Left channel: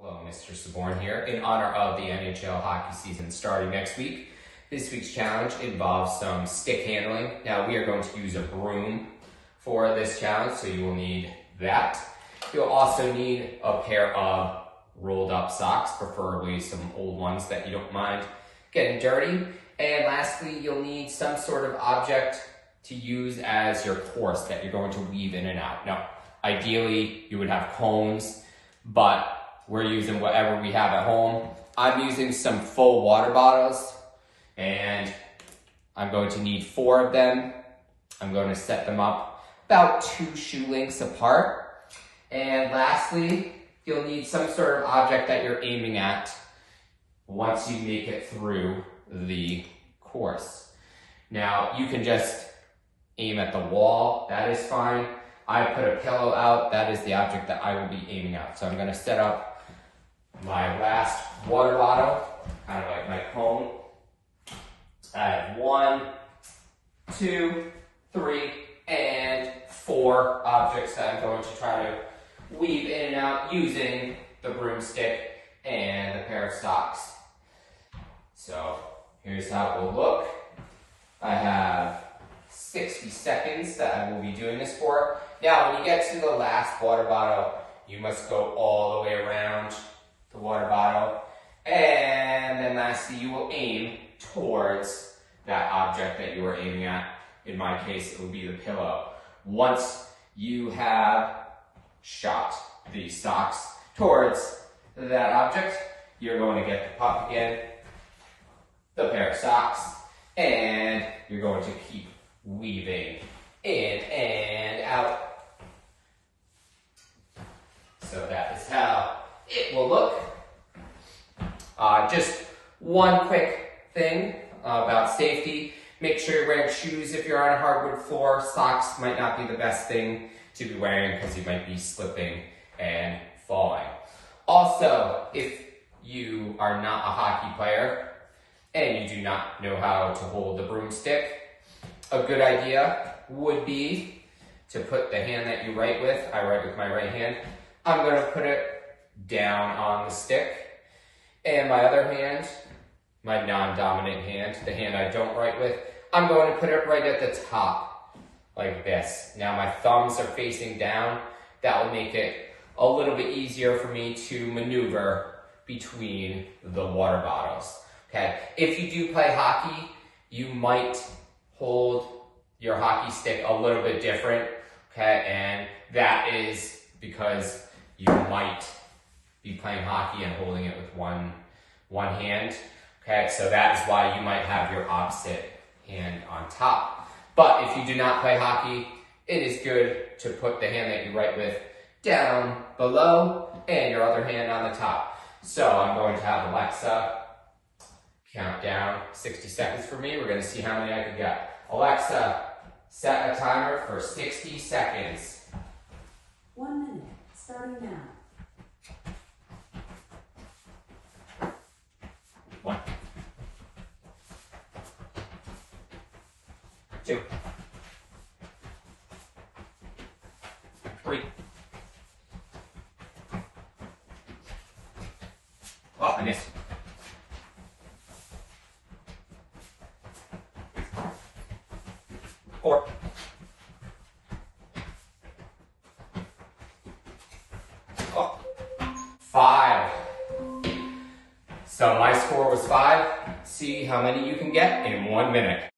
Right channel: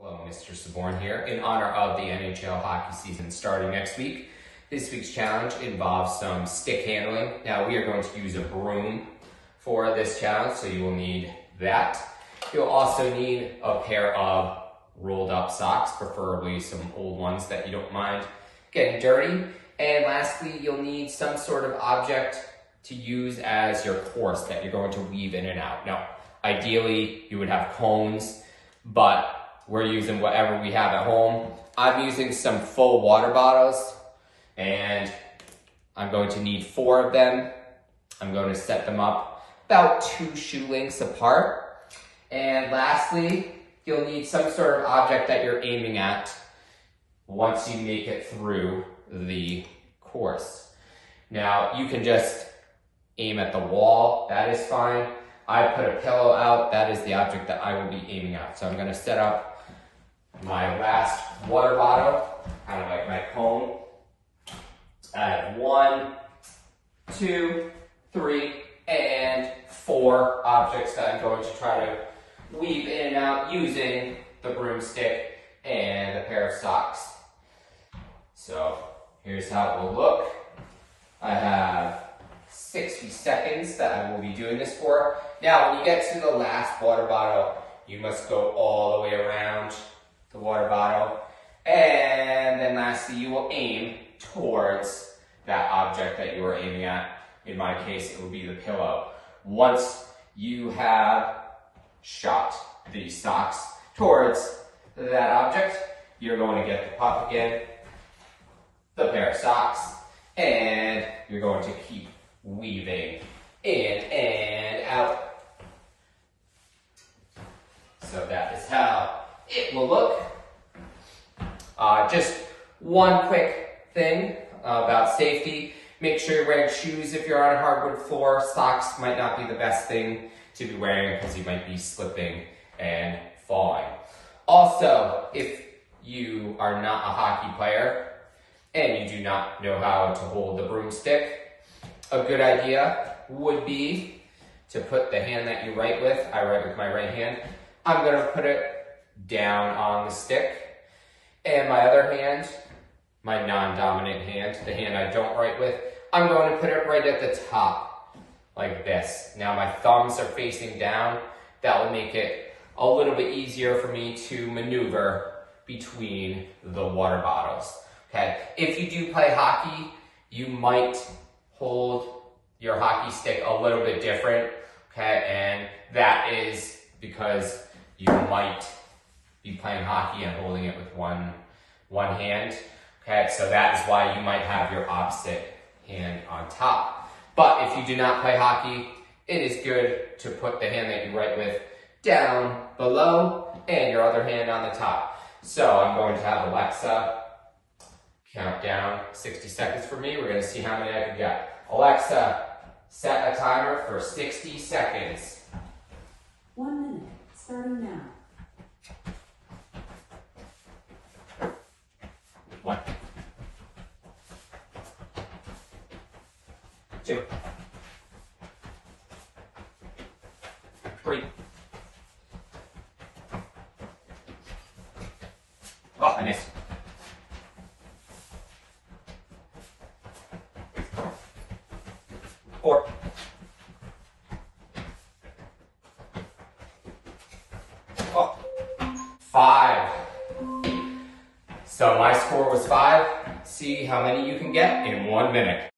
Hello, Mr. Saborn here. In honor of the NHL hockey season starting next week, this week's challenge involves some stick handling. Now, we are going to use a broom for this challenge, so you will need that. You'll also need a pair of rolled up socks, preferably some old ones that you don't mind getting dirty. And lastly, you'll need some sort of object to use as your course that you're going to weave in and out. Now, ideally, you would have cones, but we're using whatever we have at home. I'm using some full water bottles, and I'm going to need 4 of them. I'm going to set them up about 2 shoe lengths apart. And lastly, you'll need some sort of object that you're aiming at once you make it through the course. Now, you can just aim at the wall, that is fine. I put a pillow out, that is the object that I will be aiming at. So I'm gonna set up my last water bottle, kind of like my cone. I have 1, 2, 3, and 4 objects that I'm going to try to weave in and out using the broomstick and a pair of socks. So here's how it will look. I have 60 seconds that I will be doing this for. Now, when you get to the last water bottle, you must go all the way around the water bottle. And then lastly, you will aim towards that object that you are aiming at. In my case, it will be the pillow. Once you have shot the socks towards that object, you're going to get the puck again, the pair of socks, and you're going to keep weaving in and out. So that is how it will look. Just one quick thing about safety. Make sure you're wearing shoes if you're on a hardwood floor. Socks might not be the best thing to be wearing because you might be slipping and falling. Also, if you are not a hockey player and you do not know how to hold the broomstick, a good idea would be to put the hand that you write with, I write with my right hand, I'm going to put it down on the stick, and my other hand, my non-dominant hand, the hand I don't write with, I'm going to put it right at the top, like this. Now my thumbs are facing down. That will make it a little bit easier for me to maneuver between the water bottles, okay? If you do play hockey, you might hold your hockey stick a little bit different, okay? And that is because you might be playing hockey and holding it with one hand, okay? So that is why you might have your opposite hand on top. But if you do not play hockey, it is good to put the hand that you write with down below and your other hand on the top. So I'm going to have Alexa count down 60 seconds for me. We're going to see how many I can get. Alexa, set a timer for 60 seconds. 1 minute, starting now. 1, 2, 3. Oh, I missed. 4. 5. So my score was 5. See how many you can get in 1 minute.